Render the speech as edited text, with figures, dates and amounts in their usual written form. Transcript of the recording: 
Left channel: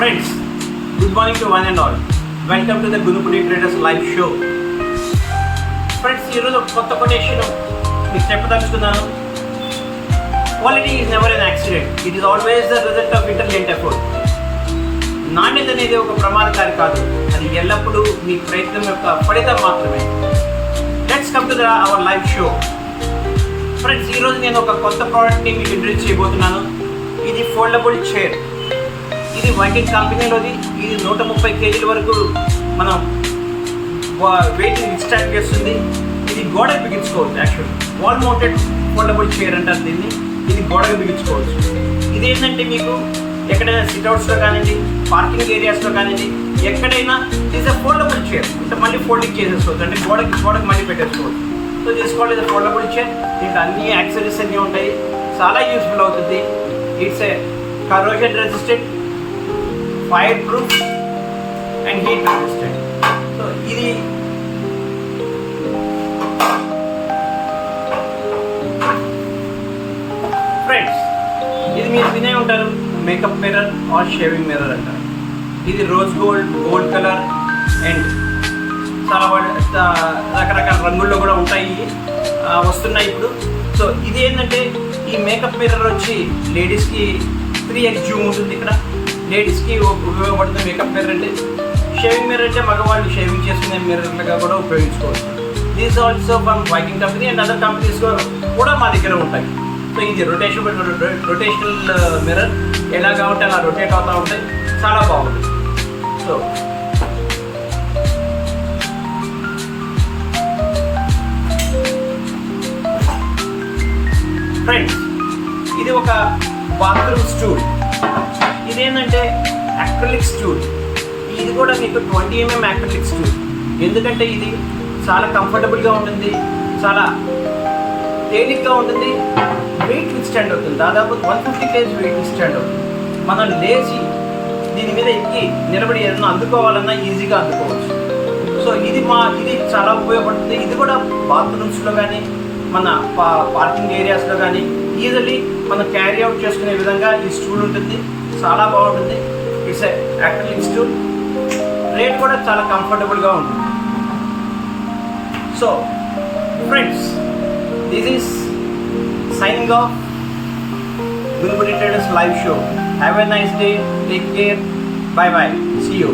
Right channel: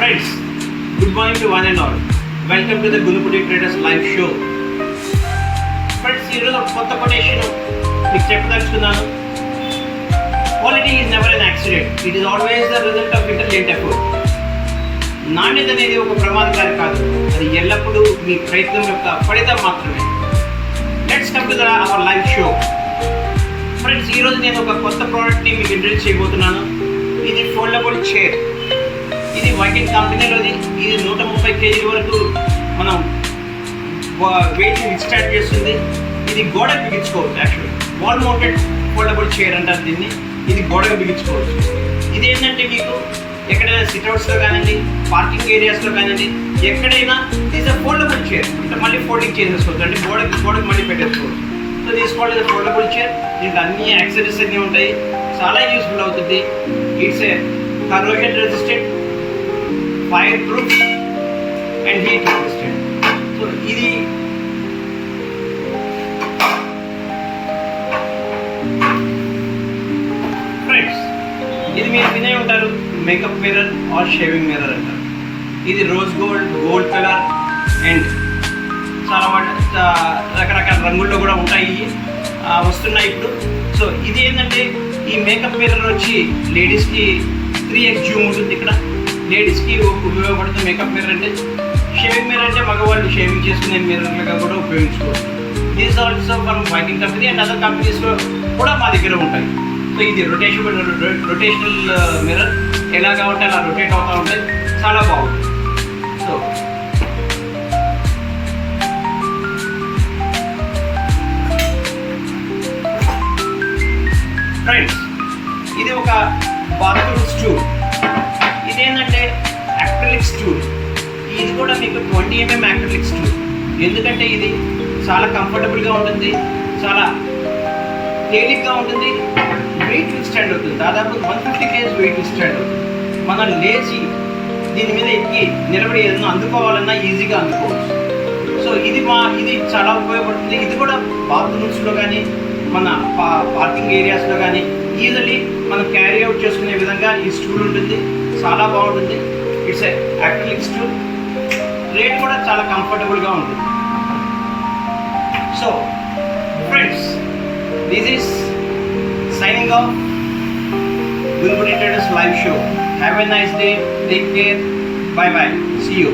Friends, good morning to one and all. Welcome to the Gunupudi Traders live show. Friends, ఈరోజు ఒక కొత్త quotation మీకు చెప్పదలుచుకున్నాను. Quality is never N accident, it is always the result of intelligent effort. నాణ్యత అనేది ఒక ప్రమాదకారి కాదు, అది ఎల్లప్పుడూ మీ ప్రయత్నం యొక్క ఫలితం మాత్రమే. Let's come to our live show. Friends, ఈరోజు నేను ఒక కొత్త ప్రోడక్ట్ని మీకు ఇంట్రడ్యూస్ చేయబోతున్నాను. ఇది ఫోల్డబుల్ చైర్. ఇది వైకింగ్ కంపెనీలోది. ఇది 130 kg వరకు మనం వెయిట్ విత్స్టాండ్ చేస్తుంది. ఇది గోడకు బిగించుకోవచ్చు. Actually wall mounted foldable chair అంటారు దీన్ని. ఇది గోడకు బిగించుకోవచ్చు. ఇది ఏంటంటే మీకు ఎక్కడైనా సిట్అవుట్స్లో కానివ్వండి, పార్కింగ్ ఏరియాస్లో కానివ్వండి, ఎక్కడైనా ఇది ఫోల్డబుల్ చైర్ అంటే మళ్ళీ ఫోల్డింగ్ చేసేసుకోవచ్చు, అంటే గోడకు మళ్ళీ పెట్టేసుకోవచ్చు. సో తీసుకోవాలి, ఇది ఫోల్డబుల్ చైర్. దీంట్లో అన్ని యాక్సెసరీస్ అన్నీ ఉంటాయి. చాలా యూస్ఫుల్ అవుతుంది. It's a corrosion resistant, fireproof and heat resistant. So ఇది ఫ్రెండ్స్, ఇది మీరు వినే ఉంటారు, makeup mirror or shaving mirror అంటారు. ఇది రోజ్ గోల్డ్ కలర్ అండ్ చాలా రకరకాల రంగుల్లో కూడా ఉంటాయి, వస్తున్నాయి ఇప్పుడు. సో ఇది ఏంటంటే ఈ మేకప్ మిర్రర్ వచ్చి లేడీస్కి 3x జూమ్ ఉంటుంది. ఇక్కడ లేడీస్కి ఉపయోగపడుతుంది మేకప్ మిర్రర్. అంటే షేవింగ్ మిర్రర్ అంటే మగవాళ్ళు షేవింగ్ చేసుకునే మిర్రర్లుగా కూడా ఉపయోగించుకోవచ్చు. This also from Viking company and other companies కూడా మా దగ్గర ఉంటాయి. సో ఇది రొటేషనల్ మిర్రర్, ఎలా కాబట్టి అలా రొటేట్ అవుతూ ఉంటాయి. చాలా బాగుంటుంది. సో ఫ్రెండ్స్, ఇది ఒక బాత్రూమ్ స్టూల్. ఇదేంటంటే యాక్రిలిక్ స్టూల్. ఇది కూడా మీకు 20 mm యాక్రిలిక్ స్టూల్. ఎందుకంటే ఇది చాలా కంఫర్టబుల్గా ఉంటుంది, చాలా తేలిగ్గా ఉంటుంది, వెయిట్ విత్స్టాండ్ అవుతుంది. దాదాపు 150 kg వెయిట్ విత్స్టాండ్ అవుతుంది. మనం లేచి దీని మీద ఎక్కి నిలబడి ఏదైనా అందుకోవాలన్నా ఈజీగా అందుకోవచ్చు. సో ఇది చాలా ఉపయోగపడుతుంది. ఇది కూడా బాత్రూమ్స్లో కానీ మన పార్కింగ్ ఏరియాస్లో కానీ ఈజీలీ మనం క్యారీ అవుట్ చేసుకునే విధంగా ఈ స్టూల్ ఉంటుంది. చాలా బాగుంటుంది. It's a acrylic stool. Rate కూడా చాలా కంఫర్టబుల్గా ఉంటుంది. So friends, this is signing off Gunupudi Traders live show. Have a nice day. Take care. Bye bye. See you.